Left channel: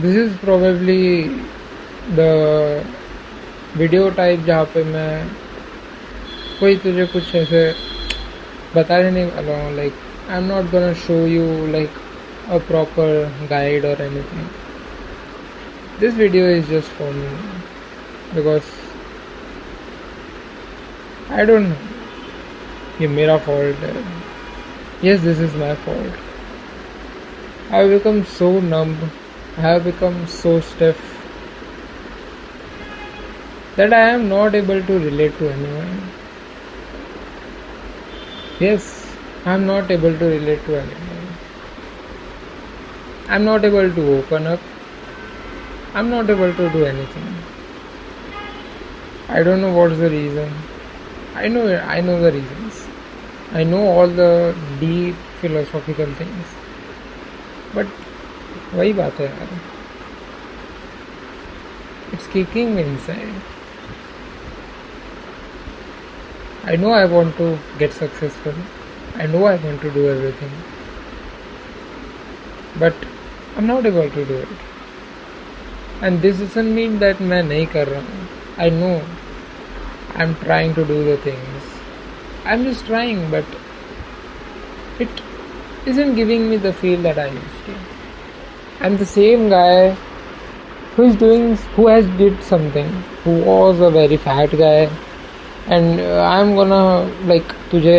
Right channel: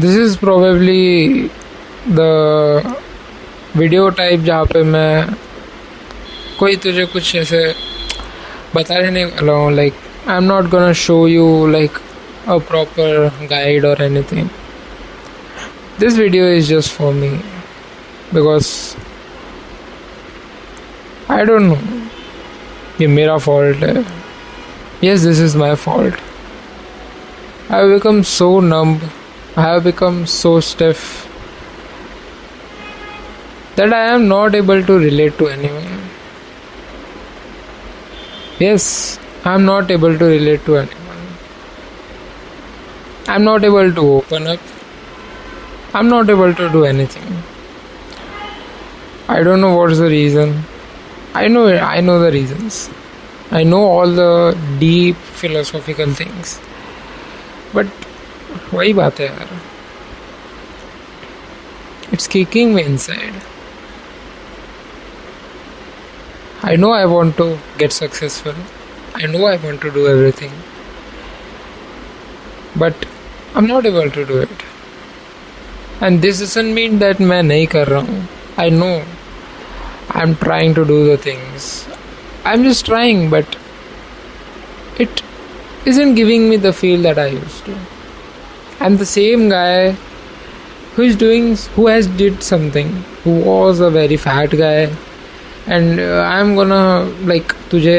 This is probably the video type जहाँ पे मैं कोई तुझे कुछ ऐसे बताने नहीं वाला हूँ. Like I am not gonna show you like a proper guide or anything. This video is just for me because I don't know. ये मेरा fault है. Yes, this is my fault. I have become so numb. I have become so stiff that I am not able to relate to anyone. Yes, I am not able to relate to anyone. I'm not able to open up. I'm not able to do anything. I don't know what's the reason. I know the reasons. I know all the deep philosophical things. But वही बात है यार. It's kicking me inside. I know I want to get successful. I know I want to do everything. But I'm not able to do it. And this doesn't mean that मैं नहीं कर रहा हूँ. I know I'm trying to do the things. I'm just trying, but it isn't giving me the feel that I used to. I'm the same guy who has did something, who was a very fat guy, and I'm gonna like तुझे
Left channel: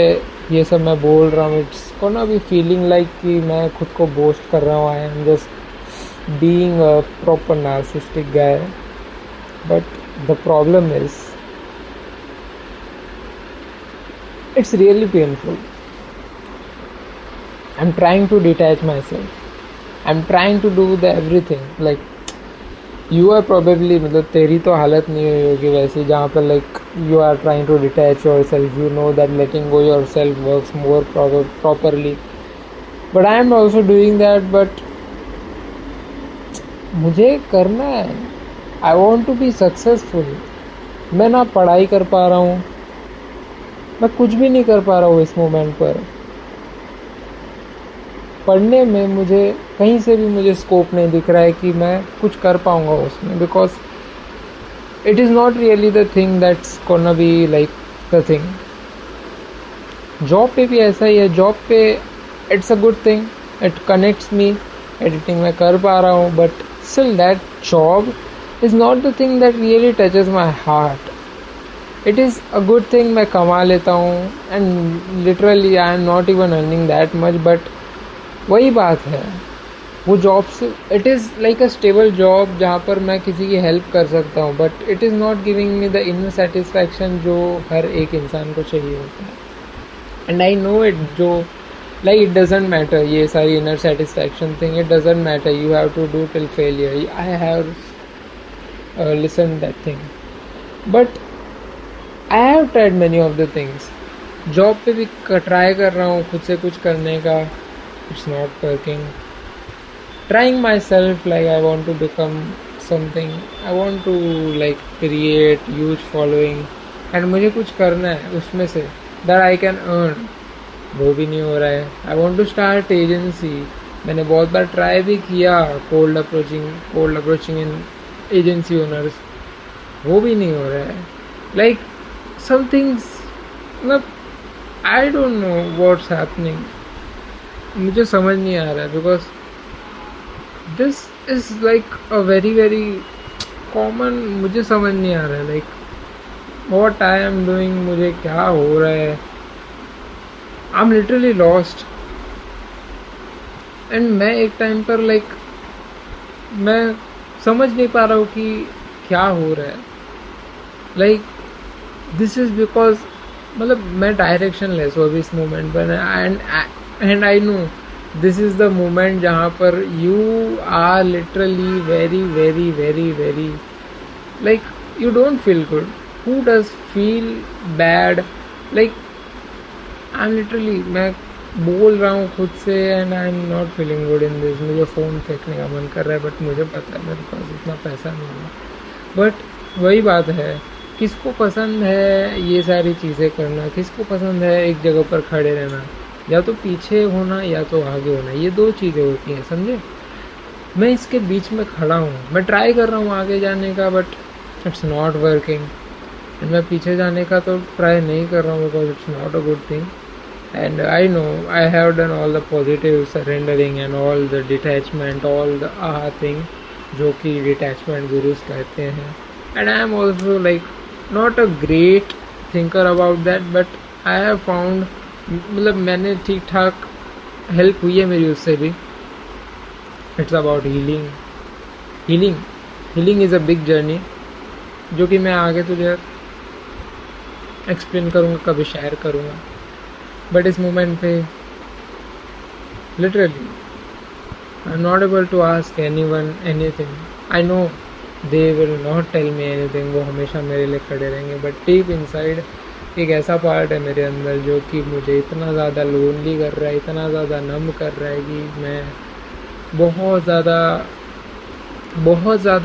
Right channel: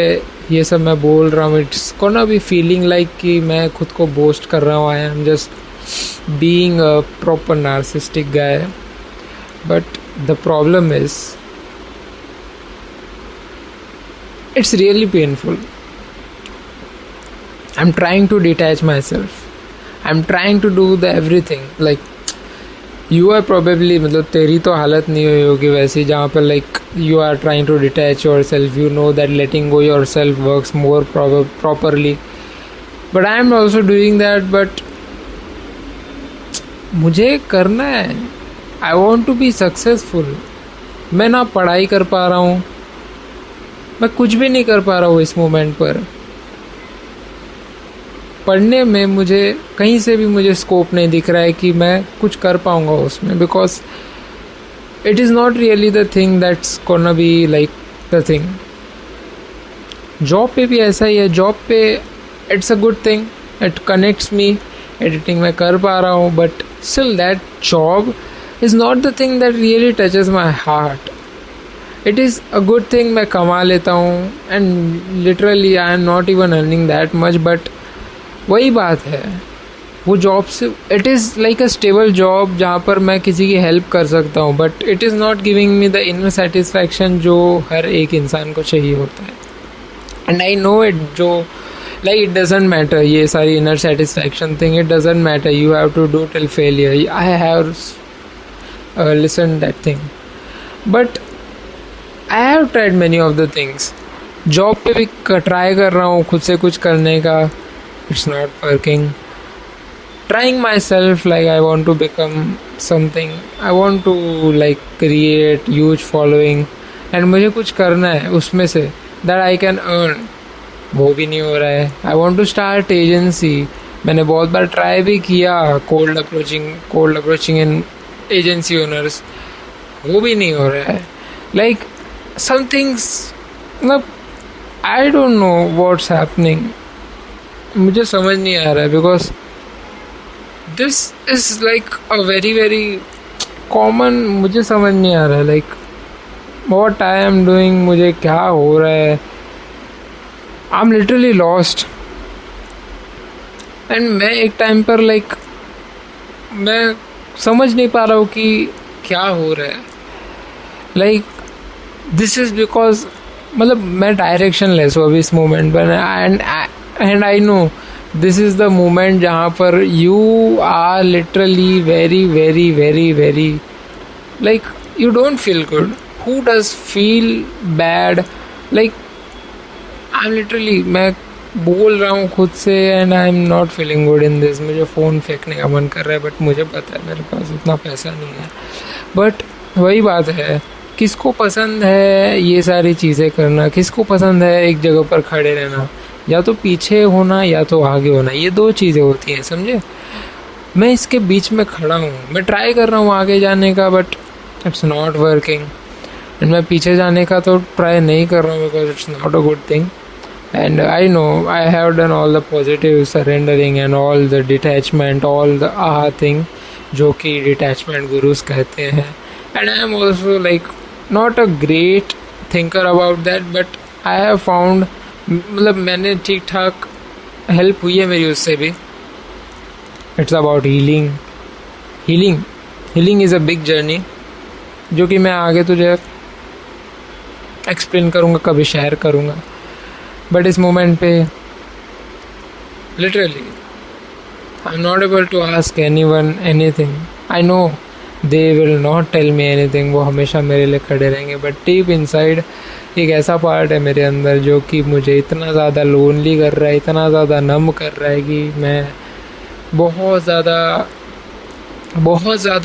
ये सब मैं बोल रहा हूँ. It's gonna be feeling like कि मैं खुद को बोस्ट कर रहा हूँ. I am just being a proper narcissistic guy. But the problem is it's really painful. I am trying to detach myself. I am trying to do the everything. Like you are probably मतलब तेरी तो हालत नहीं हुई होगी वैसी जहाँ पर like you are trying to detach yourself. You know that letting go yourself works more properly, but I am also doing that. But मुझे करना है. I want to be successful. मैं ना पढ़ाई कर पा रहा हूँ. मैं कुछ भी नहीं कर पा रहा हूँ इस मोमेंट पर. पढ़ने में मुझे कहीं से भी मुझे स्कोप नहीं दिख रहा है कि मैं कुछ कर पाऊँगा उसमें. Because it is not really the thing that's gonna be like the thing. Job पे भी ऐसा ही है. जॉब पे it's a good thing. It connects me. Editing मैं कर पा रहा हूँ. But still that job is not the thing that really touches my heart. It is a good thing. मैं कमा लेता हूँ and literally I am not even earning that much. But वही बात है वो जॉब से it is like a stable job जहाँ पर मैं किसी की हेल्प कर सकता हूँ. But it is not giving me the inner satisfaction जो हर एक इंसान को चाहिए होता है. And I know it. जो लाइक इट डजेंट मैटर ये सारी inner satisfaction thing. It doesn't matter. You have to do till failure. I have listen that thing. But I have tried many of the things. Job पे भी try कर रहा हूँ खुद से कुछ करने का. It's not working. Trying myself, like I want to become something. I want to like create huge following and मुझे कुछ करना है उसमें से that I can earn. वो भी नहीं हो रहा है. I want to start agency. मैंने बहुत बार ट्राई भी किया cold approaching and agency owners. वो भी नहीं हो रहा है. Like some things मतलब I don't know what's happening. मुझे समझ नहीं आ रहा है because this is like a very very common. मुझे समझ नहीं आ रहा है like what I am doing. मुझे क्या हो रहा है. I'm literally lost. एंड मैं एक टाइम पर like मैं समझ नहीं पा रहा हूँ कि क्या हो रहा है. like this is because मतलब मैं डायरेक्शन लेस हूँ अभी इस मोमेंट पर. And I know this is the moment जहाँ पर you are literally very very very very like you don't feel good. Who does feel bad. Like I am literally मैं बोल रहा हूँ खुद से and I am not feeling good in this. मुझे phone फेंकने का मन कर रहा है. बट मुझे पता है मेरे पास इतना पैसा नहीं है. बट वही बात है किसको पसंद है ये सारी चीज़ें करना. किसको पसंद है एक जगह पर खड़े रहना. या तो पीछे होना या तो आगे होना. ये दो चीज़ें होती हैं समझे. मैं इसके बीच में खड़ा हूँ, मैं ट्राई कर रहा हूँ आगे जाने का, but it's not working. And मैं पीछे जाने का तो ट्राई नहीं कर रहा हूँ because it's not a good thing. And I know I have done all the positive surrendering and all the detachment, all the आहा थिंग जो कि डिटैचमेंट गुरुज कहते हैं। And I am also like not a great thinker about that, but I have found, मतलब मैंने ठीक ठाक help हुई है मेरी उससे भी। It's about healing. Healing is a big journey जो कि मैं आगे तुझे एक्सप्लेन करूँगा, कभी शेयर करूँगा। बट इस मोमेंट पे literally I am not able to ask anyone anything. I know they will not tell me anything, वो हमेशा मेरे लिए खड़े रहेंगे, बट डीप इनसाइड एक ऐसा पार्ट है मेरे अंदर जो कि मुझे इतना ज़्यादा लोनली कर रहा है, इतना ज़्यादा नम कर रहा है कि मैं बहुत ज़्यादा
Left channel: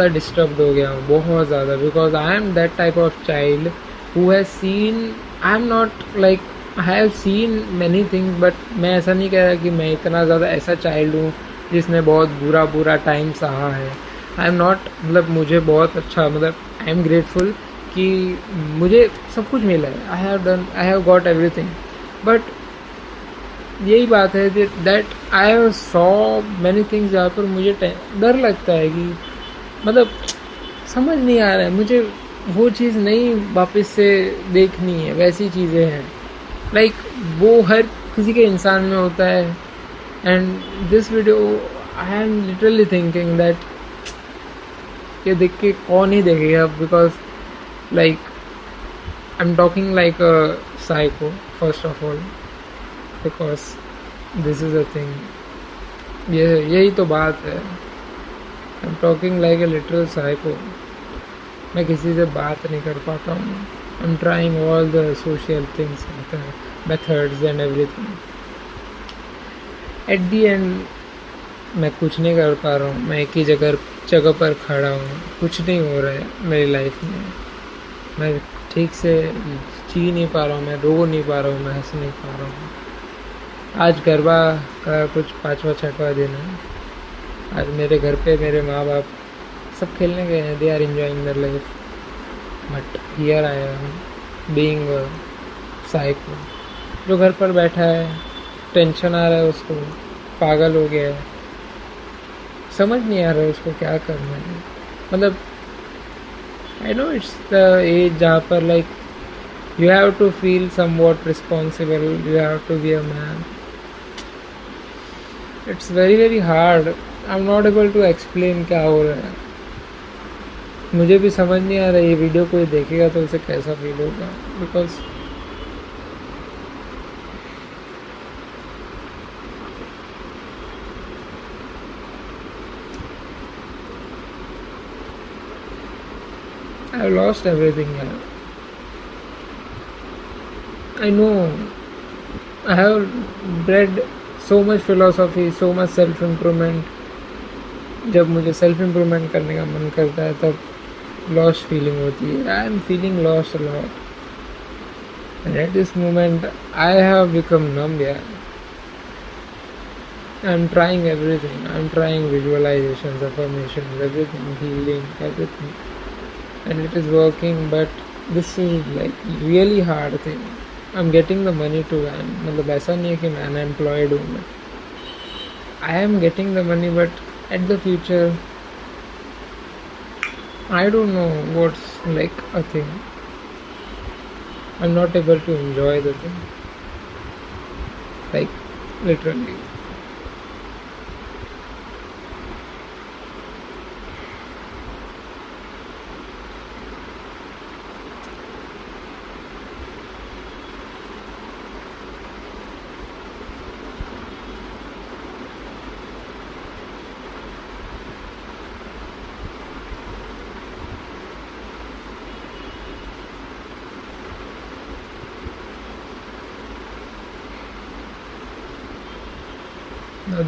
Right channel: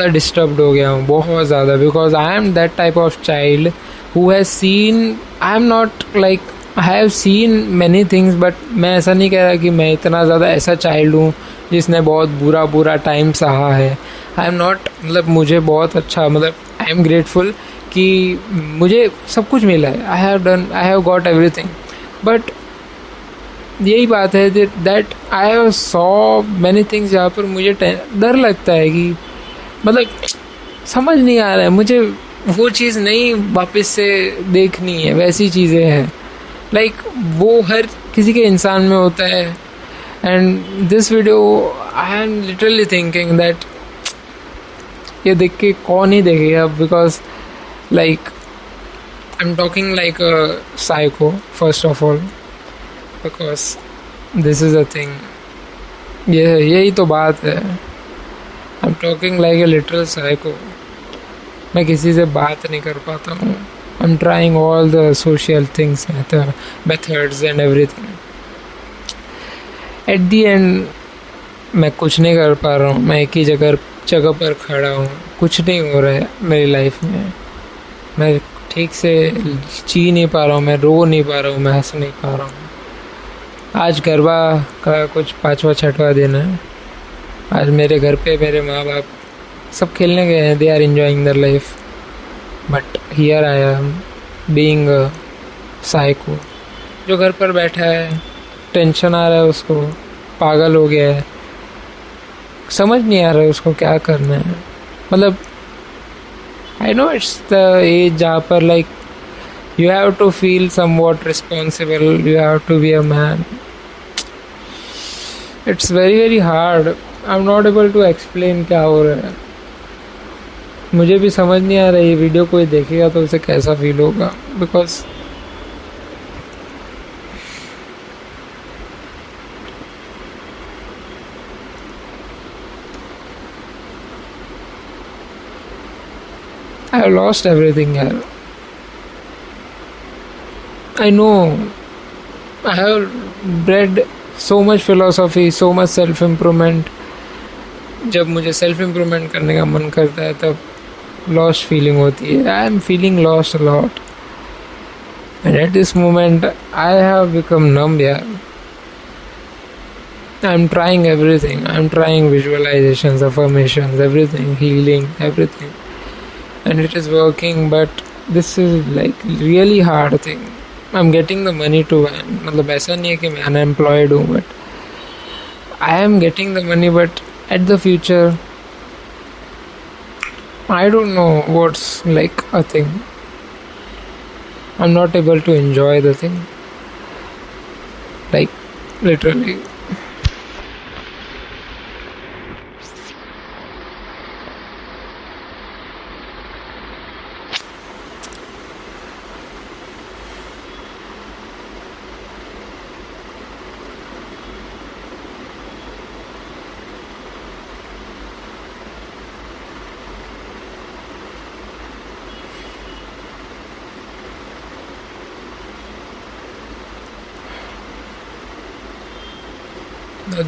डिस्टर्ब्ड हो गया हूँ, बहुत ज़्यादा। Because I am that type of child who has seen, I am not like I have seen many things, but मैं ऐसा नहीं कह रहा कि मैं इतना ज़्यादा ऐसा चाइल्ड हूँ जिसने बहुत बुरा टाइम सहा है। आई एम नॉट, मतलब मुझे बहुत अच्छा, मतलब आई एम ग्रेटफुल कि मुझे सब कुछ मिला है। I have got everything, but यही बात है that I have saw many things जहाँ पर मुझे डर लगता है कि मतलब समझ नहीं आ रहा है मुझे, वो चीज़ नहीं वापस से देखनी है, वैसी चीज़ें हैं लाइक वो हर किसी के इंसान में होता है। And this video I am literally thinking that ये देख के कौन ही देखेगा, because like I am talking like a psycho first of all, because this is a thing, यही तो बात है। I am talking like a literal psycho. मैं किसी से बात नहीं कर पाता हूँ। I am trying all the social things, methods and everything. At the and मैं कुछ नहीं कर पा रहा हूँ, मैं एक ही जगह पर खड़ा हूँ, कुछ नहीं हो रहा है मेरी लाइफ में। मैं ठीक से जी नहीं पा रहा हूँ, मैं रो नहीं पा रहा हूँ, मैं हंस नहीं पा रहा हूँ। आज गरबा का कुछ 5वां 6वां दिन है। आज मेरे घर पे मेरे माँ बाप सब खेलने गए हैं, they are enjoying their life, but here I am being a psycho जो घर पर बैठा है, टेंशन आ रहा है उसको, पागल हो गया है, समझ नहीं आ रहा है उसको क्या करना है। मतलब I know it's the age जहाँ पर like you have to feel somewhat responsible, you have to be a man. It's very hard. I'm not able to explain क्या हो रहा है। मुझे भी समझ नहीं आ रहा है ये वीडियो कोई देखेगा तो उसे कैसा फील होगा, because I have lost everything यार। I know I have read so much philosophy, so much self improvement। जब मुझे सेल्फ इम्प्रूवमेंट करने का मन करता है तब लॉस्ट फीलिंग होती है। I am feeling lost a lot and at this moment I have become numb यार। I am trying everything, I am trying visualisations, affirmations, everything, healing, everything, and it is working, but this is like really hard thing. I am getting the money to earn, मतलब ऐसा नहीं है कि मैं unemployed हूँ, but I am getting the money, but at the future I don't know what's like a thing. I am not able to enjoy the thing, like literally.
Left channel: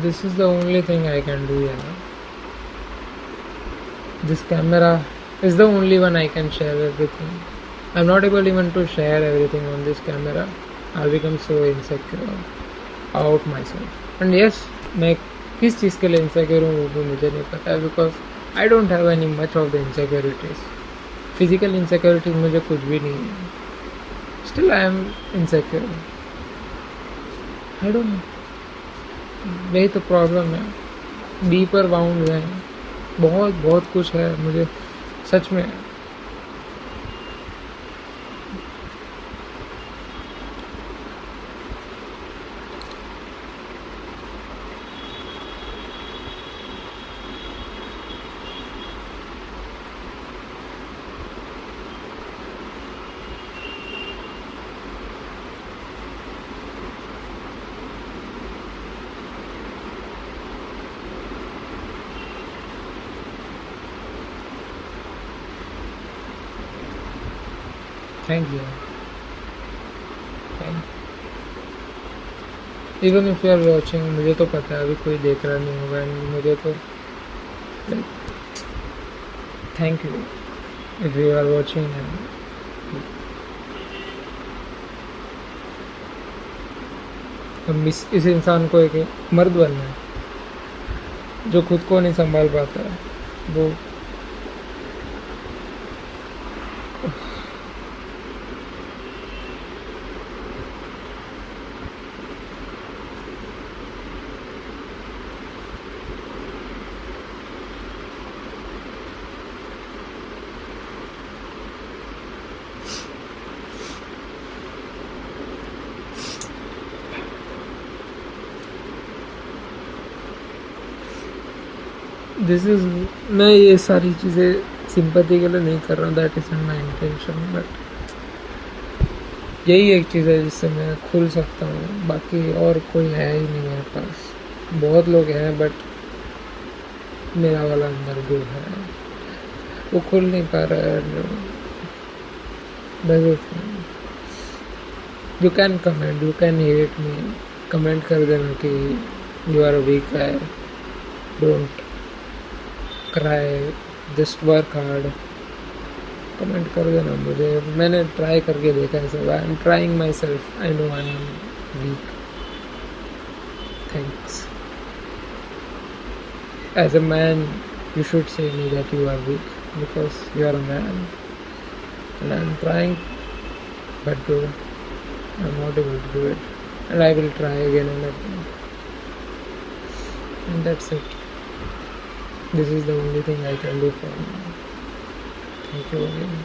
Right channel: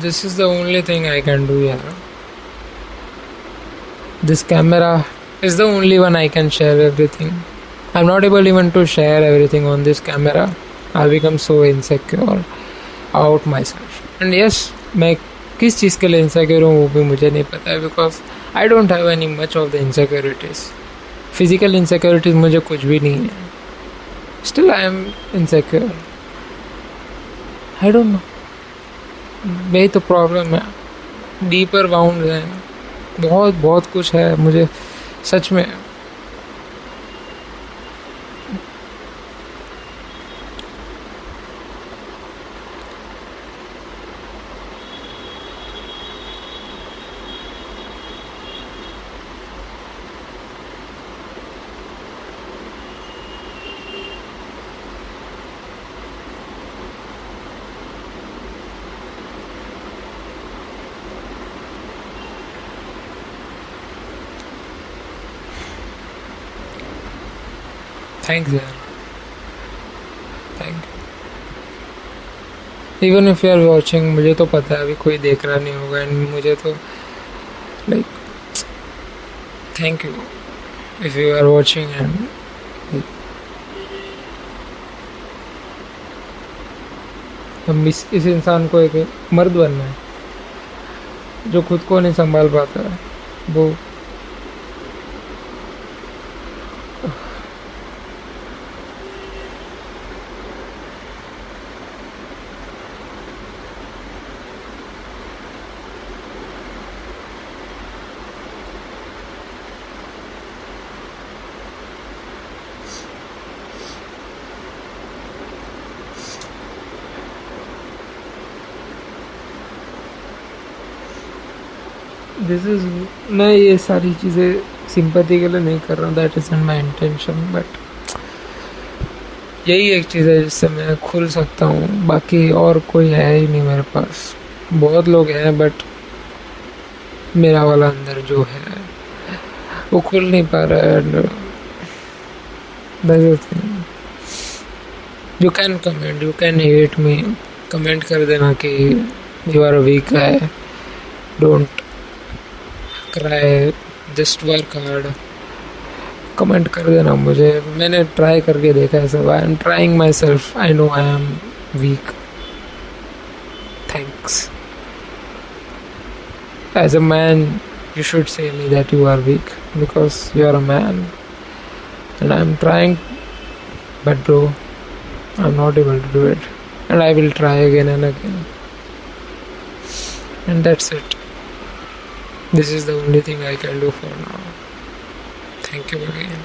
This is the only thing I can do here. This camera is the only one I can share everything. I'm not able even to share everything on this camera. I'll become so insecure out myself. And yes, मैं किस चीज़ के लिए insecure हूँ वो भी मुझे नहीं पता है, because I don't have any much of the insecurities. Physical insecurities मुझे कुछ भी नहीं है. Still I am insecure. I don't no, यही तो प्रॉब्लम है. डीपर बाउंड है, बहुत बहुत कुछ है मुझे सच में. थैंक्स यार, thank you. Even if you are watching, मुझे तो पता है अभी कोई देख रहा नहीं होगा, एंड मुझे तो like thank you if you are watching. And हम इस इंसान को एक मर्द बनना है जो खुद को नहीं संभाल पाता है. वो दिस इज, मैं ये सारी चीज़ें सिंपैथी के लिए नहीं कर रहा हूँ, that is my intention. But यही एक चीज़ है जिससे मैं खुल सकता हूँ, बाकी और कोई है ही नहीं मेरे पास. बहुत लोग हैं बट मेरा वाला अंदर जो है वो खुल नहीं पा रहा है. And you can comment, you can hate me, comment कर देना कि यू आर वीक है, don't cry, just work hard. Comment कर देना मुझे. मैंने ट्राई करके देखा है सब. I am trying myself. I know I am weak. Thanks. As a man you should say me that you are weak because you are a man, and I'm trying, but bro, I'm not able to do it, and I will try again and again, and that's it. This is the only thing I can do for now. Thank you again.